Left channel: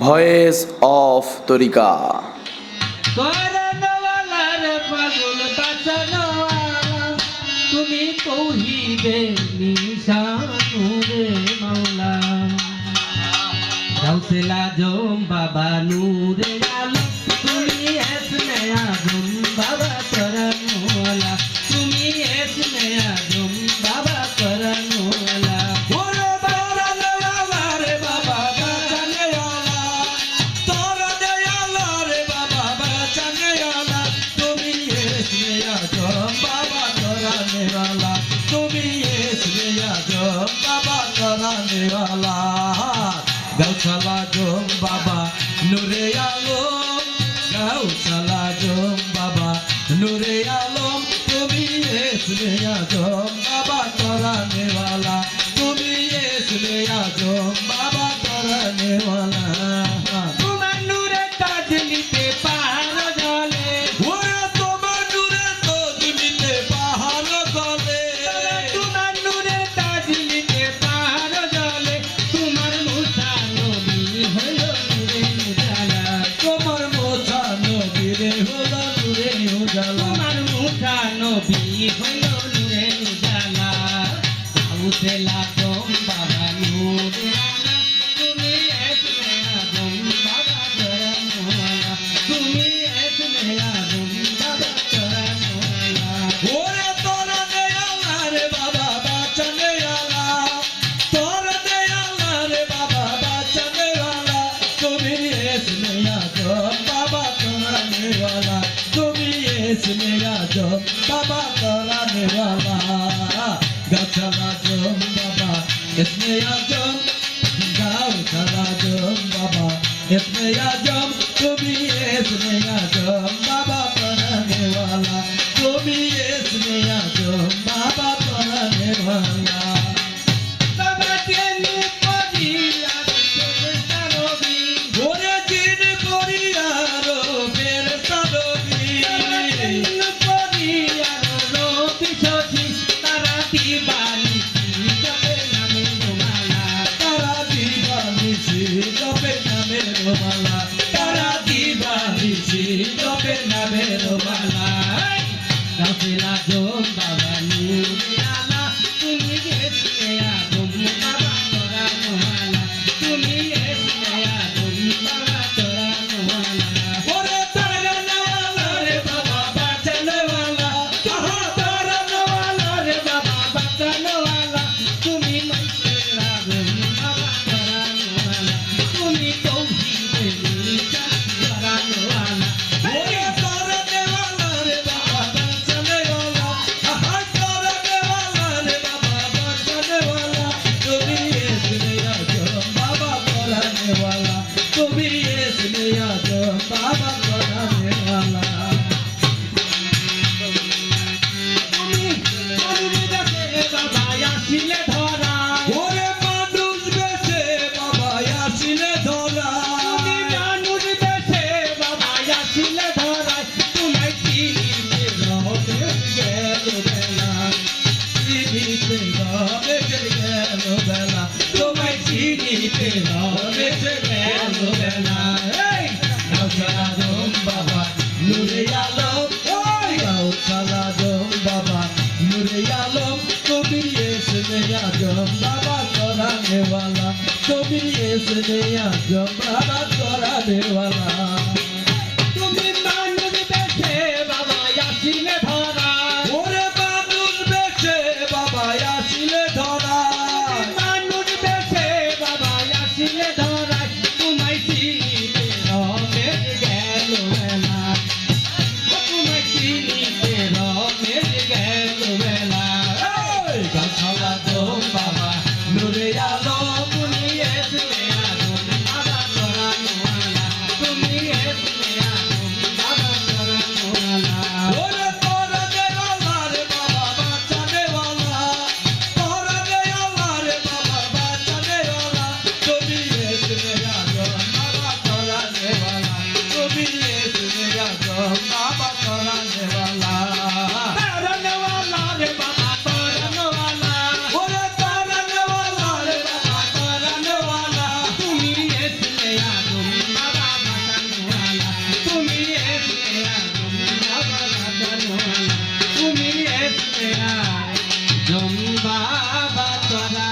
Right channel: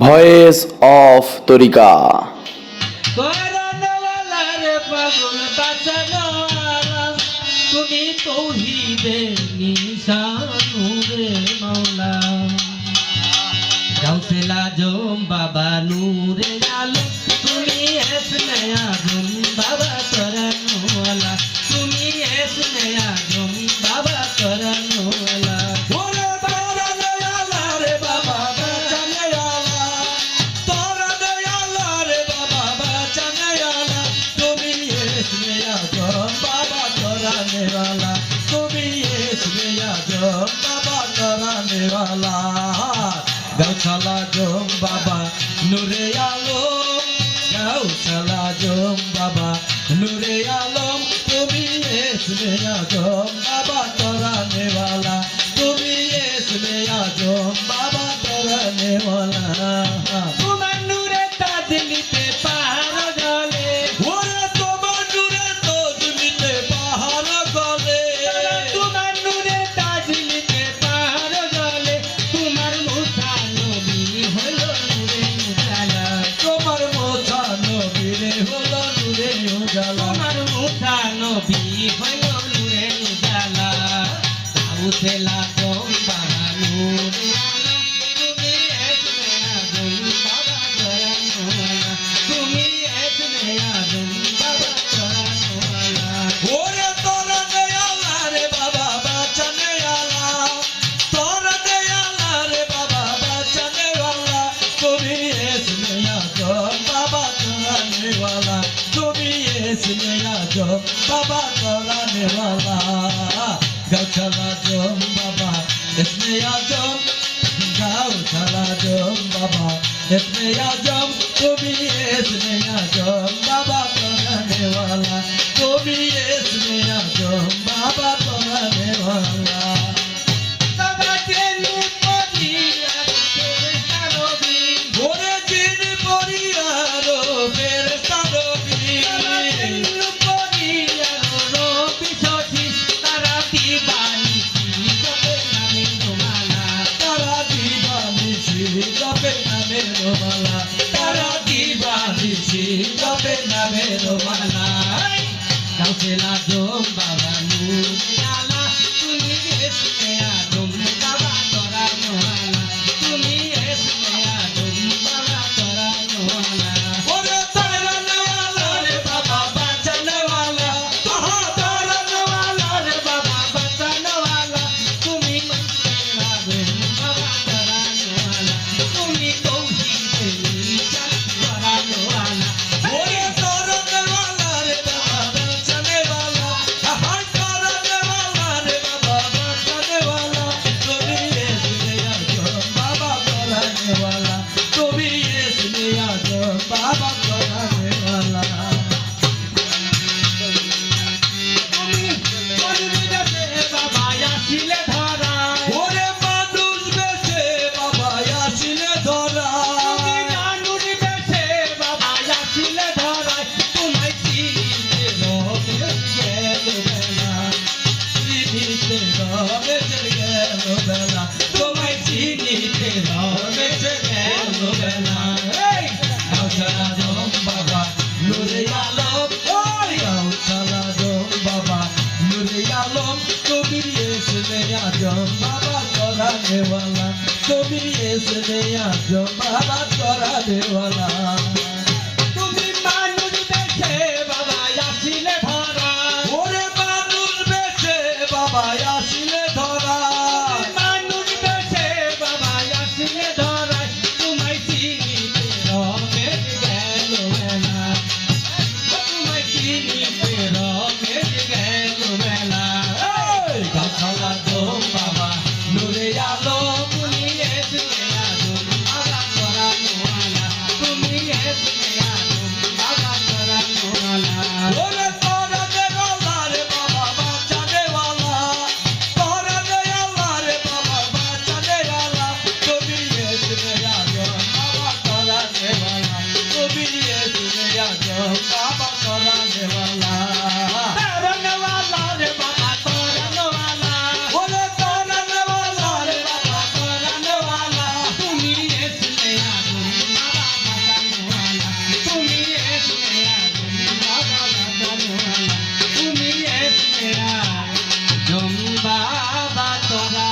Voice of তরিকা। তুমি তৌহিদের নিশানুরে মাওলা গাউসুল আজম বাবা নূরে আলম তুমি ইসমে আজম বাবা করমওয়ালা তুমি ইসমে আজম বাবা করমওয়ালা তুমি ইসমে আজম বাবা कराने वाला गाउसल आजम बाबा नूरे आलम गाउसल आजम बाबा नूरे आलम তুমি ইসমে আজম বাবা कराने वाला তুমি ইসমে আজম বাবা कराने वाला তোমার নূরে তাজ নিতে পাহাড় গলে ওরে তোমার নূরে তাজ নিতে পাহাড় গলে তোমার নূরে তাজ নিতে পাহাড় গলে তোমার মুসা নবী হলো নূরে উজালা তোমার মুসা নবী রে হলো নূরে উজালা তোমার মুসা নবী হলো নূরে উজালা গাউসুল আজম বাবা নূরে আলা তুমি ইসমে আজম বাবা করমওয়ালা তুমি ইসমে আজম বাবা করমওয়ালা ওরে তোরা দে আল্লাহ রে বাবা বাঁচানে আল্লাহ তোরা দে আল্লাহ রে বাবা বাঁচানে वाला তুমি ইসমে আজম বাবা कराने वाला তুমি ইসমে আজম বাবা कराने वाला গাউসুল আজম বাবা ইসমে আজম গাউসুল আজম বাবা ইসমে আজম তুমি ইসমে আজম বাবা कराने वाला তুমি ইসমে আজম বাবা कराने वाला বাবা জেনু পদিয়া রবি ওরে জিন পরিয়ারো ফেরেশতা নবী জেনু পদিয়া রবি সখী তারা দিবানি জপে নামে মালা তারা দিবানিশি জপে নামের মালা তারা দিবানিশি জপে নামের মালা গাউসুল আজম বাবা নূরে আলা তুমি ইসমে আজম বাবা করমওয়ালা তুমি ইসমে আজম বাবা করমওয়ালা ওরে তারানে वाला রে বাবা বাঁচানে वाला তারানে ওয়ালা রে বাবা বাঁচানো ওয়ালা তুমি মন্ত্রের আগুন বাবা করানো ওয়ালা তুমি তৌহিদের নিশান করানো ওয়ালা ওরে তারানে वाला রে বাবা বাঁচানে वाला আহার তারানে वाला রে বাবা বাঁচানে वाला তুমি ইসমে আজম বাবা कराने वाला তুমি ইসমে আজম বাবা कराने वाला তুমি মনুবিদাসে বাবা আসিলে ধরায় ওরে মানুষ বেশে বাবা আসিলে ধরা তুমি মানুষ বেশে বাবা আসিলে ধরায় তোমায় চিনিতে রবে গেল বেলা চিনিতে রবে যে গেল বেলা তোমায় চিনিতে রবে গেল বেলা এই গাউসুল আজম বাবা নূরে আলম ওই গাউসুল আজম বাবা নূরে আলম তুমি ইসমে আজম বাবা कराने वाला তুমি ইসমে আজম বাবা कराने वाला তুমি মানুষ বেশে বাবা আসিলে ধরায় ওরে মানুষ বেশে বাবা আসিলে ধরা মানুষ বেশে বাবা আসিলে ধরায় তোমায় চিনিতে রবে গেল বেলা তোমায় চিনিতে রবে গেল বেলা এই গাউসুল আজম বাবা নূরে আলম তুমি ইসমে আজম বাবা করানো ওয়ালা তুমি জম বাবা তোরা